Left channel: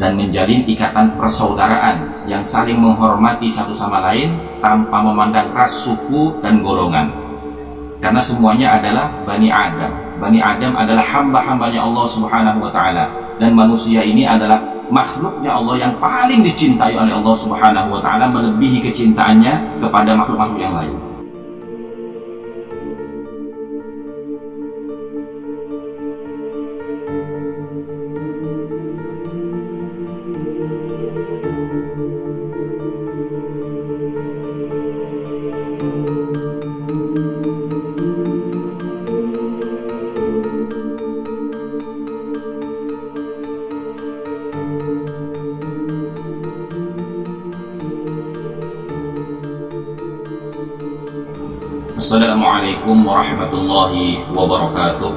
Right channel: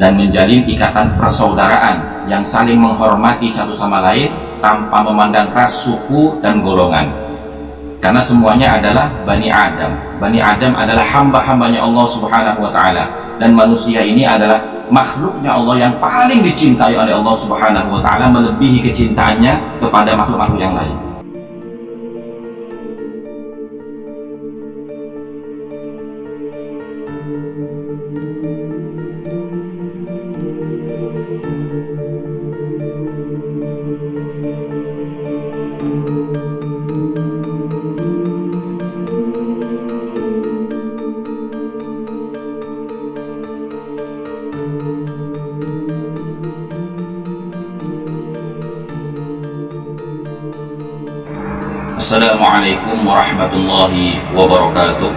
dan menjalin ikatan persaudaraan yang saling menghormati satu sama lain tanpa memandang ras, suku, dan golongan. Karena semuanya adalah Bani Adam. Bani Adam adalah hamba-hambanya Allah Subhanahu wa Ta'ala, dan manusia ini adalah makhluknya Allah yang paling dicintai oleh Allah Subhanahu wa Ta'ala, melebihi kecintaannya kepada makhluk-makhluk yang lain. Assalamualaikum warahmatullahi wabarakatuh.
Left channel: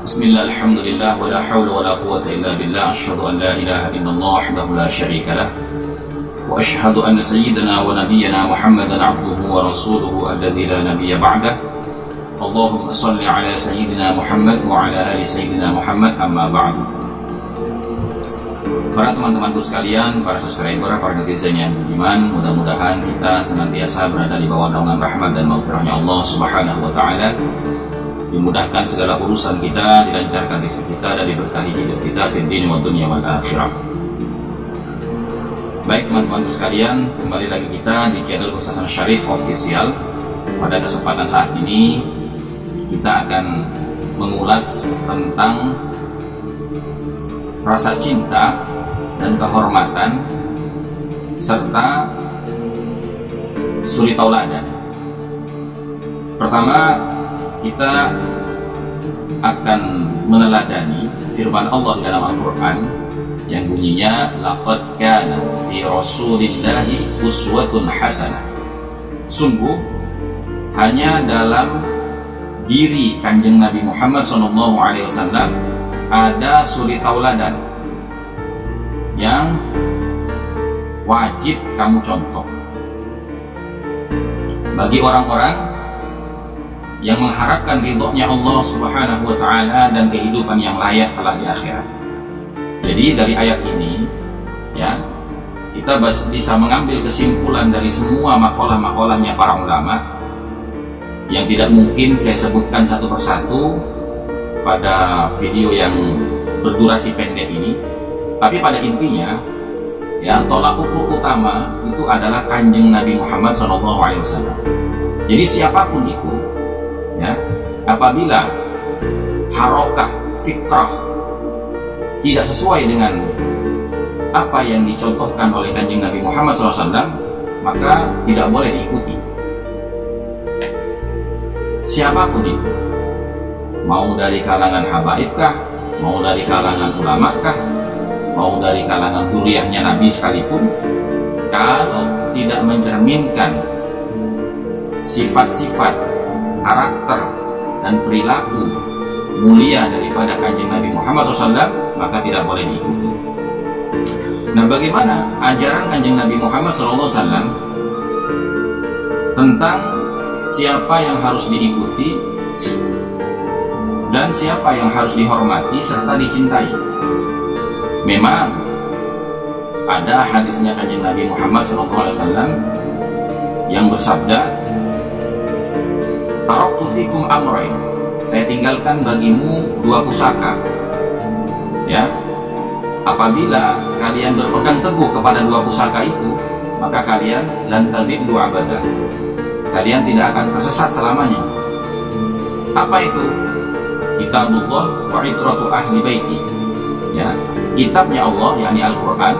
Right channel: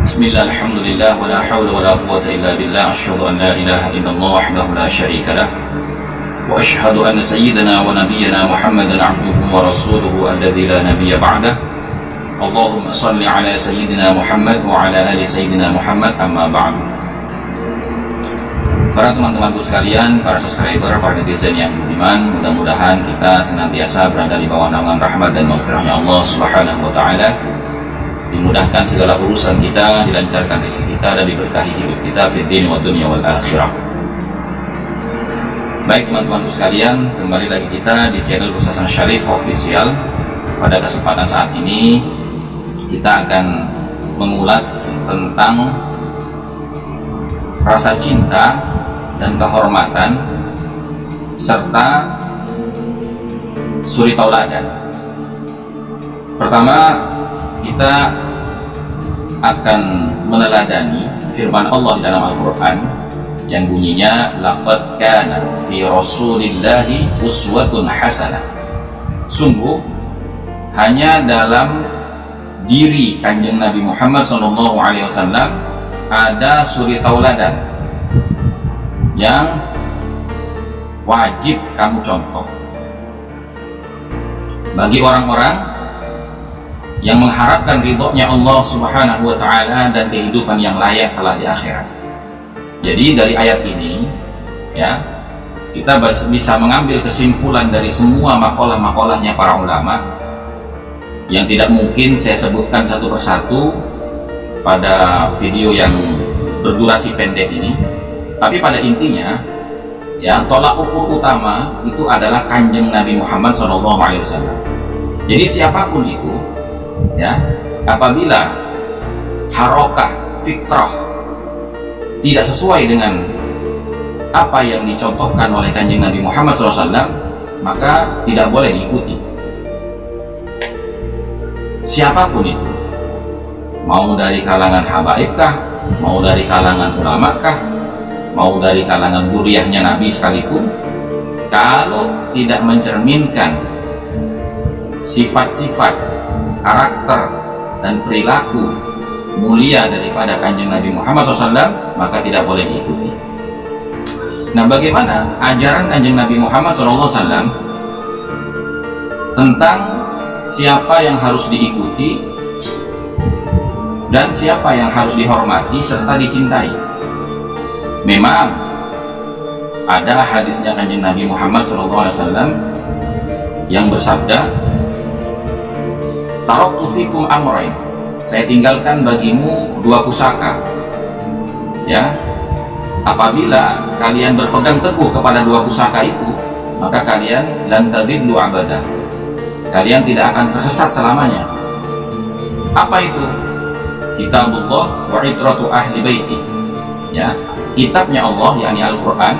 Bismillah, alhamdulillah, wa la hawla wa la quwwata illa billah. Asyhadu an la ilaha illallah wahdahu la syarika lah, wa asyhadu anna sayyidana wa nabiyyana Muhammadan abduhu wa rasuluhu alladzi la nabiyya ba'dah. Allahumma salli ala sayyidina Muhammad wa ala ali sayyidina Muhammad, amma ba'du. Para teman-temanku sekalian, para subscriber, para netizen yang budiman, mudah-mudahan kita senantiasa berada di bawah naungan rahmat dan maghfirahnya Allah Subhanahu wa Ta'ala. Dimudahkan segala urusan kita, dilancarkan rezeki kita, dan diberkahi hidup kita fid din wa dunya wal akhirah. Baik teman-temanku sekalian, kembali lagi kita di channel Ustaz Syarif Official. Pada kesempatan saat ini kita akan mengulas tentang rasa cinta dan kehormatan serta suri tauladan. Pertama, kita akan meneladani firman Allah di dalam Al-Quran yang bunyinya laqad kana fi rasulillahi uswatun hasanah. Sungguh hanya dalam diri Kanjeng Nabi Muhammad SAW ada suri tauladan yang wajib kamu contoh bagi orang-orang yang mengharapkan ridhonya Allah Subhanahu wa Ta'ala dan kehidupan yang layak kelak di akhirat. Jadi dari ayat ini ya, kita bisa mengambil kesimpulan dari semua makalah-makalahnya para ulama yang tidak mungkin saya sebutkan satu persatu pada video yang berdurasi pendek ini. Tapi pada intinya ya, tolak ukur utama itu adalah Kanjeng Nabi Muhammad SAW. Jadi siapapun itu ya, apabila harokah fikrah tidak sesuai dengan apa yang dicontohkan oleh Kanjeng Nabi Muhammad SAW, maka tidak boleh diikuti. Siapapun itu, mau dari kalangan habaib kah, mau dari kalangan ulama kah, mau dari kalangan duriahnya Nabi sekalipun, kalau tidak mencerminkan sifat-sifat, karakter, dan perilaku mulia daripada Kanjeng Nabi Muhammad SAW, maka tidak boleh diikuti. Nah, bagaimana ajaran Kanjeng Nabi Muhammad SAW tentang siapa yang harus diikuti dan siapa yang harus dihormati serta dicintai? Memang ada hadisnya Kanjeng Nabi Muhammad SAW yang bersabda, taraktu fikum amrayn, saya tinggalkan bagimu dua pusaka ya, apabila kalian berpegang teguh kepada dua pusaka itu, maka kalian lan tadillu abada, kalian tidak akan tersesat selamanya. Apa itu? Kitabullah wa itratu ahli baiti, ya, kitabnya Allah yakni Al-Quran,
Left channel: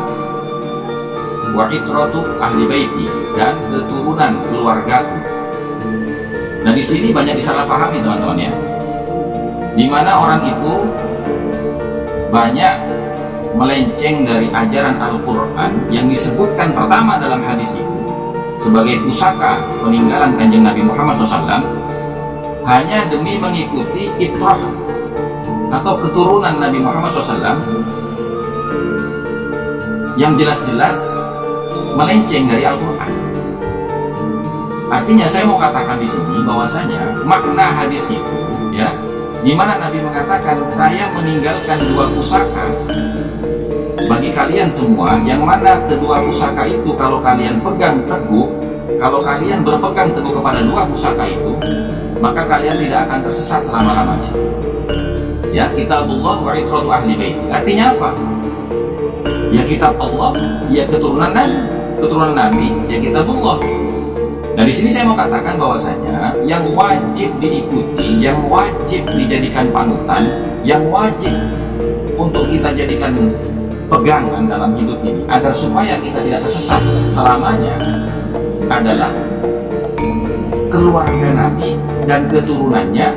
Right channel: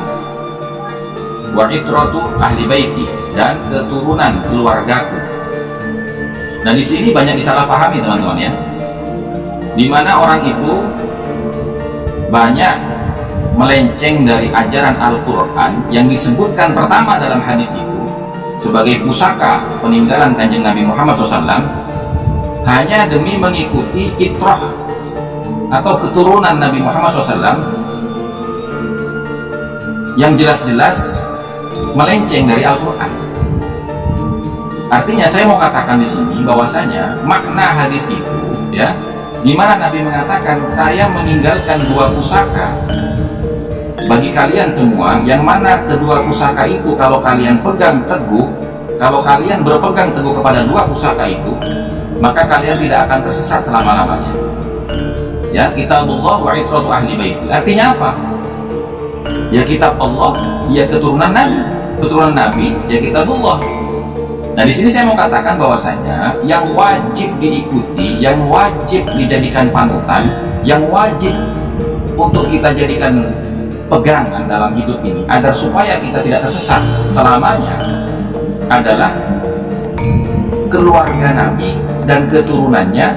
wa itratu ahli baiti, dan keturunan keluargaku. Nah, di sini banyak disalahpahami teman-teman ya, dimana orang itu banyak melenceng dari ajaran Al-Quran yang disebutkan pertama dalam hadis itu sebagai pusaka peninggalan Kanjeng Nabi Muhammad SAW, hanya demi mengikuti itrah atau keturunan Nabi Muhammad SAW yang jelas-jelas melenceng dari Al-Quran. Artinya saya mau katakan di sini bahwasanya makna hadis itu ya, di mana Nabi mengatakan saya meninggalkan dua pusaka bagi kalian semua, yang mana kedua pusaka itu kalau kalian pegang teguh, kalau kalian berpegang teguh kepada dua pusaka itu, maka kalian tidak akan tersesat selama-lamanya. Ya, kitabullah wa itratu ahli baiti. Artinya apa? Ya kitab Allah, ya keturunan Nabi, ya kitabullah. Nah, di sini saya mau katakan bahwasanya yang wajib diikuti, yang wajib dijadikan panutan, yang wajib untuk kita jadikan pegangan dalam hidup ini agar supaya kita tidak tersesat selamanya adalah keluarga Nabi dan keturunannya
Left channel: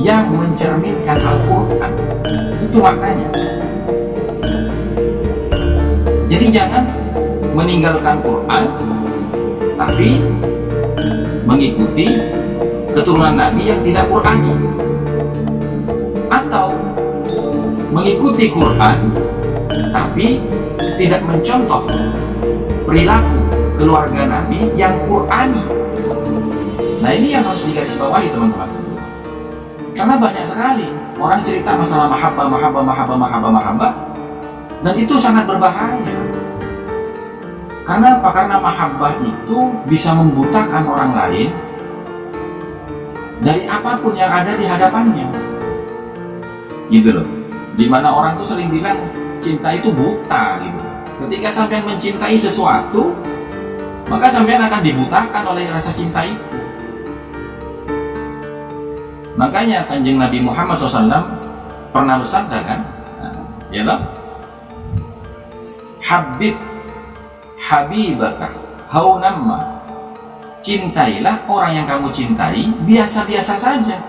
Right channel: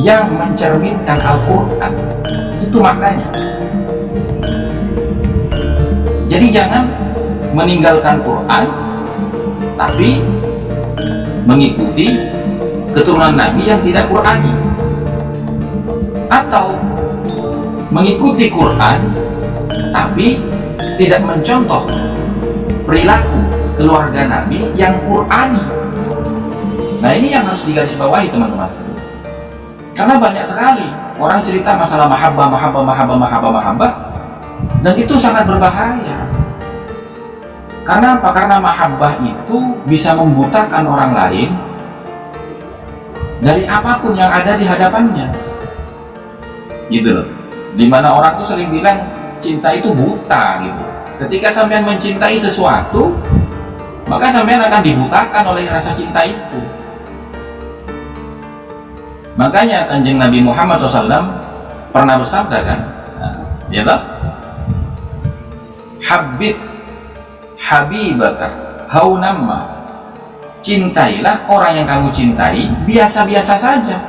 yang mencerminkan Al-Quran. Itu maknanya. Jadi jangan meninggalkan Quran tapi mengikuti keturunan Nabi yang tidak Qurani, atau mengikuti Quran tapi tidak mencontoh perilaku keluarga Nabi yang Qurani. Nah, ini yang harus digarisbawahi teman-teman, karena banyak sekali orang cerita masalah mahabbah, dan itu sangat berbahaya. Karena apa? Karena mahabbah itu bisa membutakan orang lain dari apapun yang ada di hadapannya, gitu loh. Dimana orang tuh sering bilang cinta itu buta gitu. Ketika sampean mencintai sesuatu, maka sampean akan dibutakan oleh rasa cinta itu. Makanya Kanjeng Nabi Muhammad SAW pernah bersabda kan, ya toh, habibaka haunamma, cintailah orang yang kamu cintai biasa-biasa saja,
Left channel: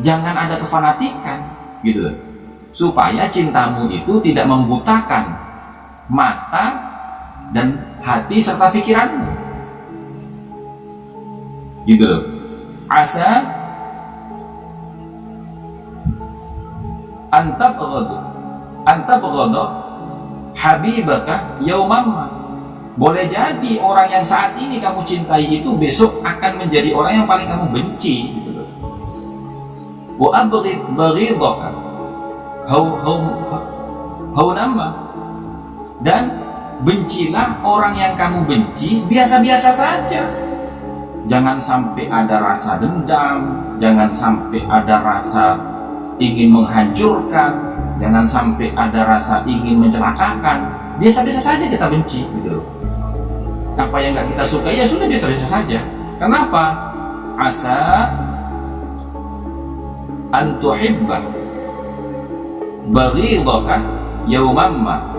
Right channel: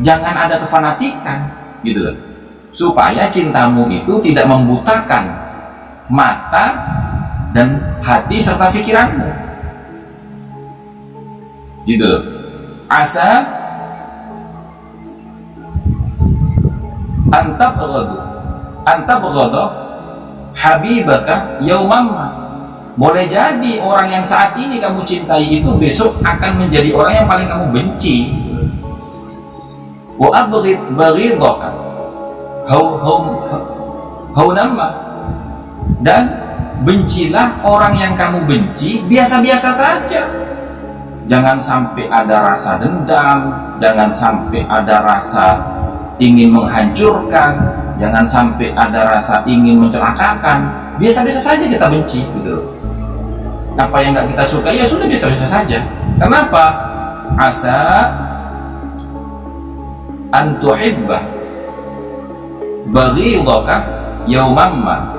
jangan ada kefanatikan, gitu loh, supaya cintamu itu tidak membutakan mata dan hati serta pikiranmu, gitu loh. Asa antabghadu habibaka yaumamma, boleh jadi orang yang saat ini kamu cintai itu besok akan menjadi orang yang paling kamu benci. Wa abghid baghidaka haunamma, dan bencilah orang yang kamu benci biasa-biasa saja, jangan sampai ada rasa dendam, jangan sampai ada rasa ingin menghancurkan, jangan sampai ada rasa ingin mencelakakan. Biasa-biasa saja kita benci, gitu loh. Apa yang nggak kita suka ya sudah biasa-biasa saja. Kenapa? Asa antuhibbah baghidaka yaumamma,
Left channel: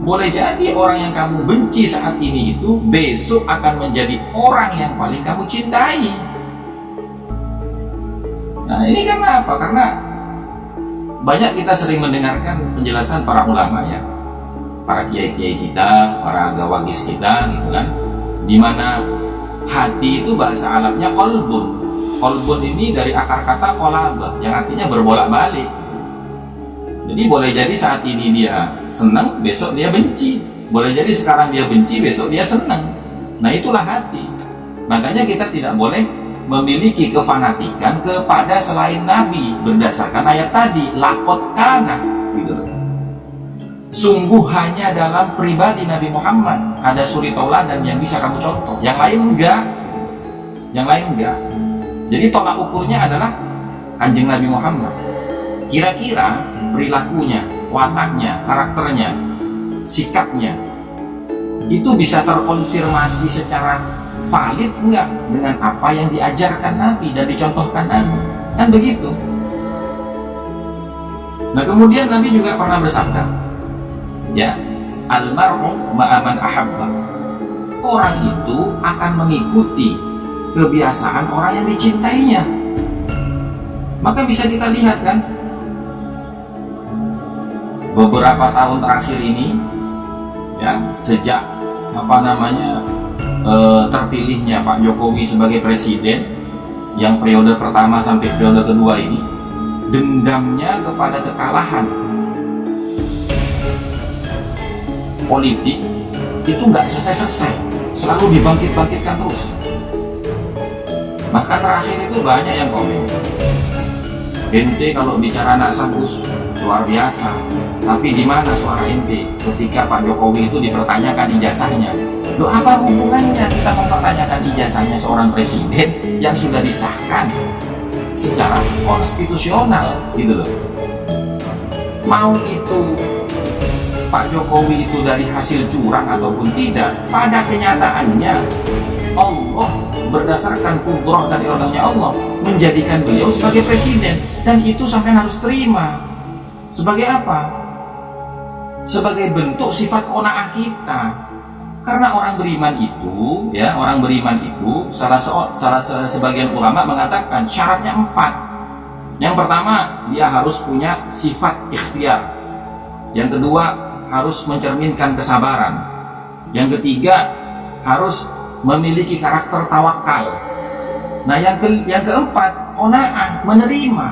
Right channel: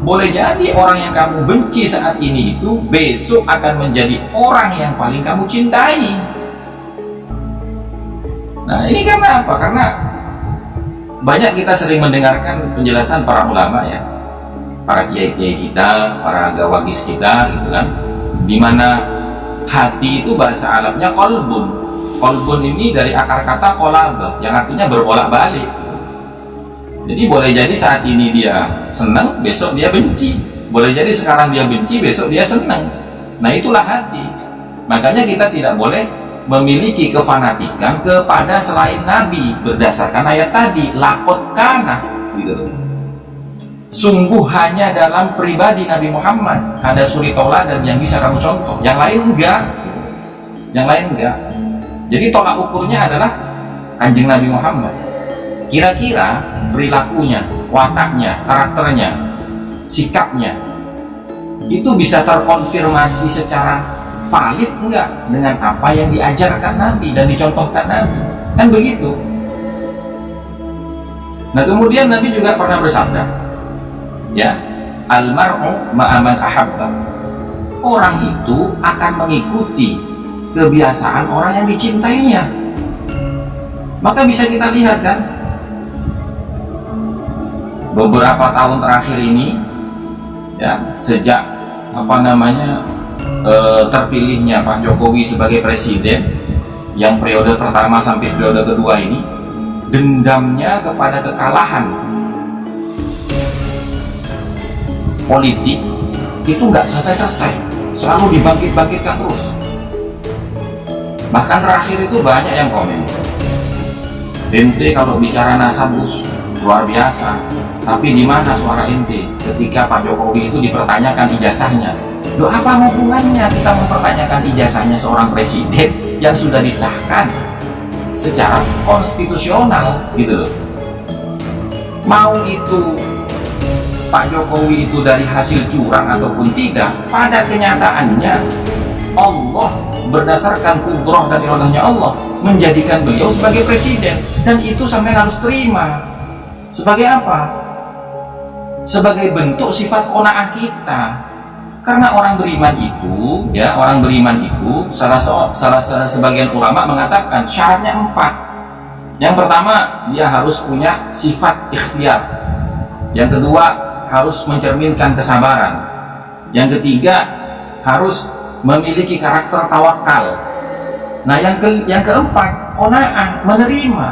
boleh jadi orang yang kamu benci saat ini itu besok akan menjadi orang yang paling kamu cintai. Nah, ini karena apa? Karena banyak kita sering mendengarkan penjelasan para ulama ya, para kiai-kiai kita, para gawagis kita, gitu kan, dimana hati itu bahasa Arabnya kolbun. Kolbun ini dari akar kata kolabah, yang artinya berbolak-balik. Jadi boleh jadi saat ini dia senang, besok dia benci. Boleh jadi sekarang dia benci, besok dia senang. Nah, itulah hati. Makanya kita tidak boleh memiliki kefanatikan kepada selain Nabi berdasarkan ayat tadi, laqad kana, gitu. Sungguh hanya dalam pribadi Nabi Muhammad ada suri tauladan yang bisa kamu contoh, yang lain enggak, yang lain enggak. Jadi tolak ukurnya adalah Kanjeng Nabi Muhammad. Kira-kira perilakunya, wataknya, karakternya, sikapnya itu bisa terkonfirmasi secara valid enggak dengan apa yang diajarkan Nabi dan dicontohkan Nabi, kan begitu. Nah, kemudian Nabi juga pernah bersabda, ya, almar'u ma'aman ahabba, orang itu akan mengikuti kebiasaan orang yang dicintainya. Maka bisa kita lihat kan, beberapa tahun terakhir ini ya, sejak terpilihnya Pak Jokowi sebagai presiden yang periode pertama sampai periode kedua ini, dendamnya kepada kekalahan politik itu nggak selesai-selesai, selalu dibangkit-bangkitkan terus. Bahkan terakhir itu banyak yang komen, ente kalau bicara nasabus luar biasa, Tapi di mana suara ente ketika Pak Jokowi itu dipertanyakan ijazahnya? Loh, apa hubungannya kita mempertanyakan ijazahnya seorang presiden yang sudah disahkan secara konstitusional gitu loh. Mau itu Pak Jokowi itu dari hasil curang ataupun tidak, pada kenyataannya Allah berdasarkan kudrah dan iradahnya Allah menjadikan beliau sebagai presiden, dan itu sampai harus terima. Sebagai apa? Sebagai bentuk sifat qanaah kita. Karena orang beriman itu, ya, orang beriman itu sebagian ulama mengatakan syaratnya 4. Yang pertama, dia harus punya sifat ikhtiar. Yang kedua, harus mencerminkan kesabaran. Yang ketiga, harus memiliki karakter tawakal. Nah, yang keempat, qanaah, menerima.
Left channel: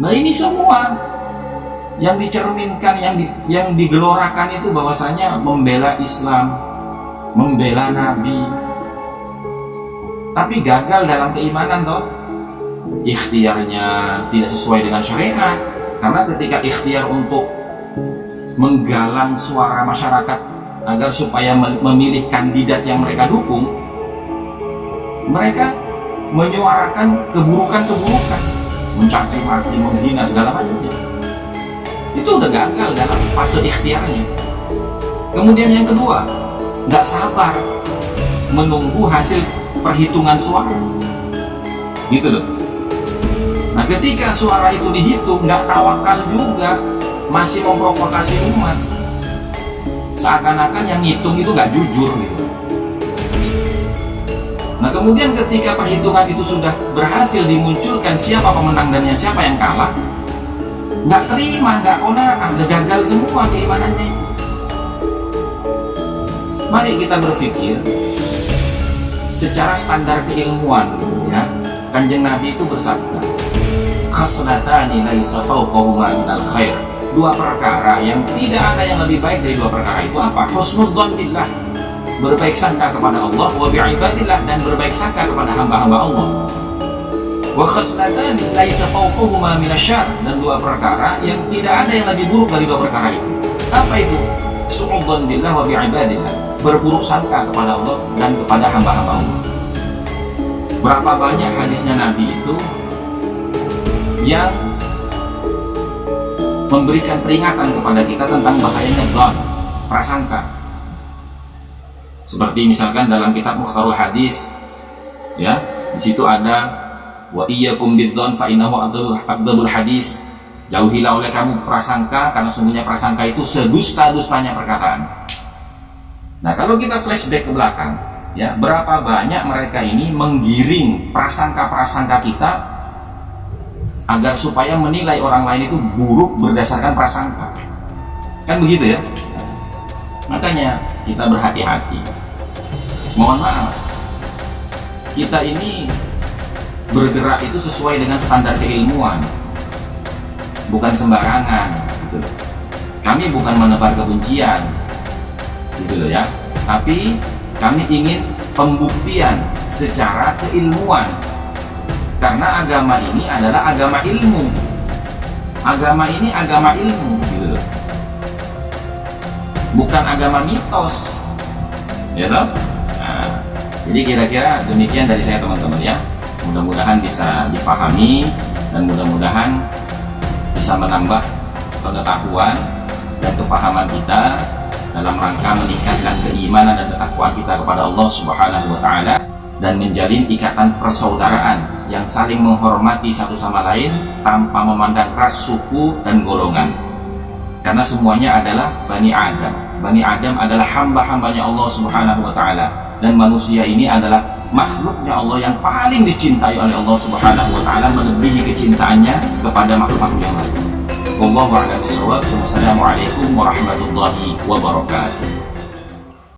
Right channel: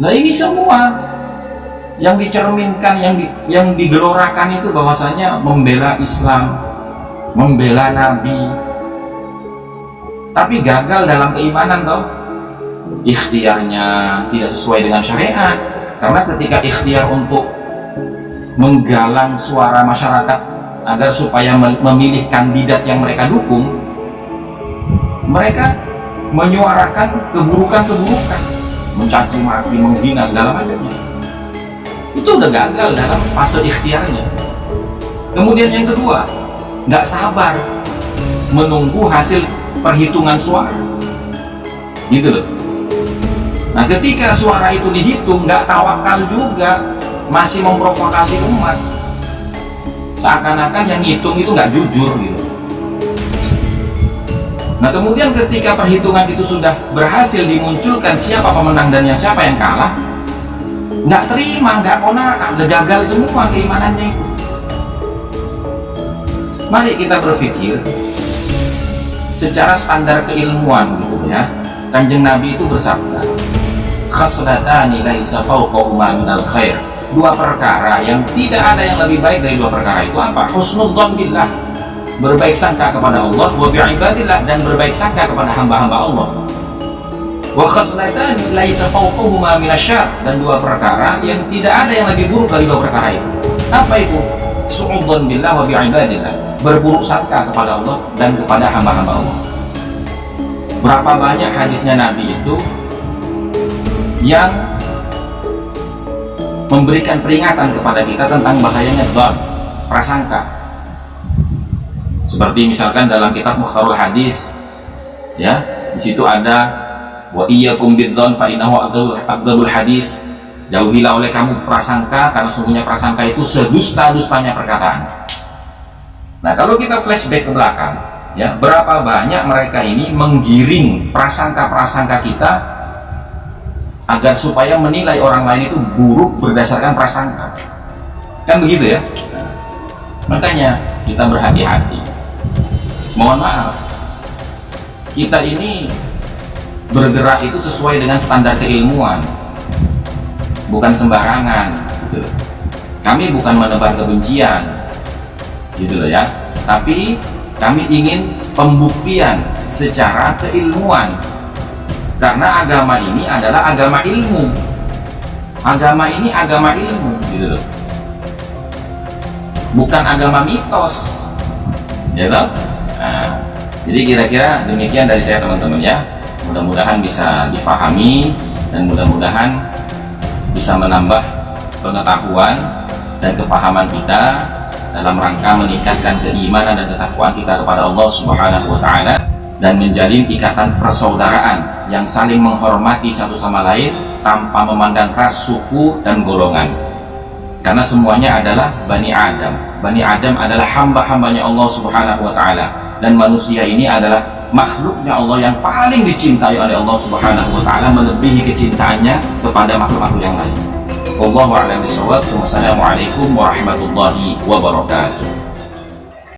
Nah, ini semua yang dicerminkan, yang digelorakan itu bahwasanya membela Islam, membela Nabi, tapi gagal dalam keimanan toh. Ikhtiarnya tidak sesuai dengan syariat, karena ketika ikhtiar untuk menggalang suara masyarakat agar supaya memilih kandidat yang mereka dukung, mereka menyuarakan keburukan-keburukan, mencaci maki, menghina segala macamnya. Itu udah gagal dalam fase ikhtiarnya. Kemudian yang kedua, nggak sabar menunggu hasil perhitungan suara, gitu loh. Nah, ketika suara itu dihitung, nggak tawakal juga, masih memprovokasi umat, seakan-akan yang ngitung itu nggak jujur gitu. Nah, kemudian ketika perhitungan itu sudah berhasil dimunculkan siapa pemenang dan siapa yang kalah, nggak terima, nggak qanaah, udah gagal semua keimanannya itu. Mari kita berpikir secara standar keilmuan gitu ya. Kanjeng Nabi itu bersabda, khaslatani laisa fawqahuma minal khair. 2 perkara yang tidak ada yang lebih baik dari 2 perkara itu apa? Husnudzon billah, berbaik sangka kepada Allah, wa bi'ibadillah, dan berbaik sangka kepada hamba-hamba Allah. Wa khaslatani laisa fawqahuma minasyarr, dan 2 perkara yang tidak ada yang lebih buruk dari 2 perkara itu. Apa itu? Su'udzon billah wa bi'ibadillah, berburuk sangka kepada Allah dan kepada hamba-hamba Allah. Berapa banyak hadisnya Nabi itu yang memberikan peringatan kepada kita tentang bahayanya dzan, prasangka. Seperti misalkan dalam kitab Mukhtarul Hadis, ya, di situ ada wa iyyakum bidzan fa innahu aqdabul hadis. Jauhilah oleh kamu prasangka, karena sungguhnya prasangka itu sedusta-dustanya perkataan. Nah, kalau kita flashback ke belakang, ya, berapa banyak mereka ini menggiring prasangka-prasangka kita agar supaya menilai orang lain itu buruk berdasarkan prasangka. Kan begitu ya? Makanya kita berhati-hati. Mohon maaf, kita ini bergerak itu sesuai dengan standar keilmuan, bukan sembarangan gitu. Kami bukan menebar kebencian gitu loh ya, tapi kami ingin pembuktian secara keilmuan, karena agama ini adalah agama ilmu. Agama ini agama ilmu gitu loh, bukan agama mitos ya toh? Nah, jadi kira-kira demikian dari saya teman-teman ya. Mudah-mudahan bisa difahami dan mudah-mudahan bisa menambah pengetahuan dan kefahaman kita dalam rangka meningkatkan keimanan dan ketakwaan kita kepada Allah Subhanahu wa taala, dan menjalin ikatan persaudaraan yang saling menghormati satu sama lain tanpa memandang ras, suku, dan golongan. Karena semuanya adalah Bani Adam. Bani Adam adalah hamba-hambanya Allah Subhanahu wa taala, dan manusia ini adalah makhluknya Allah yang paling dicintai oleh Allah Subhanahu wa taala, melebihi kecintaannya kepada makhluk-makhluk yang lain. Wallahu a'lam bishawab. Wassalamualaikum warahmatullahi wabarakatuh.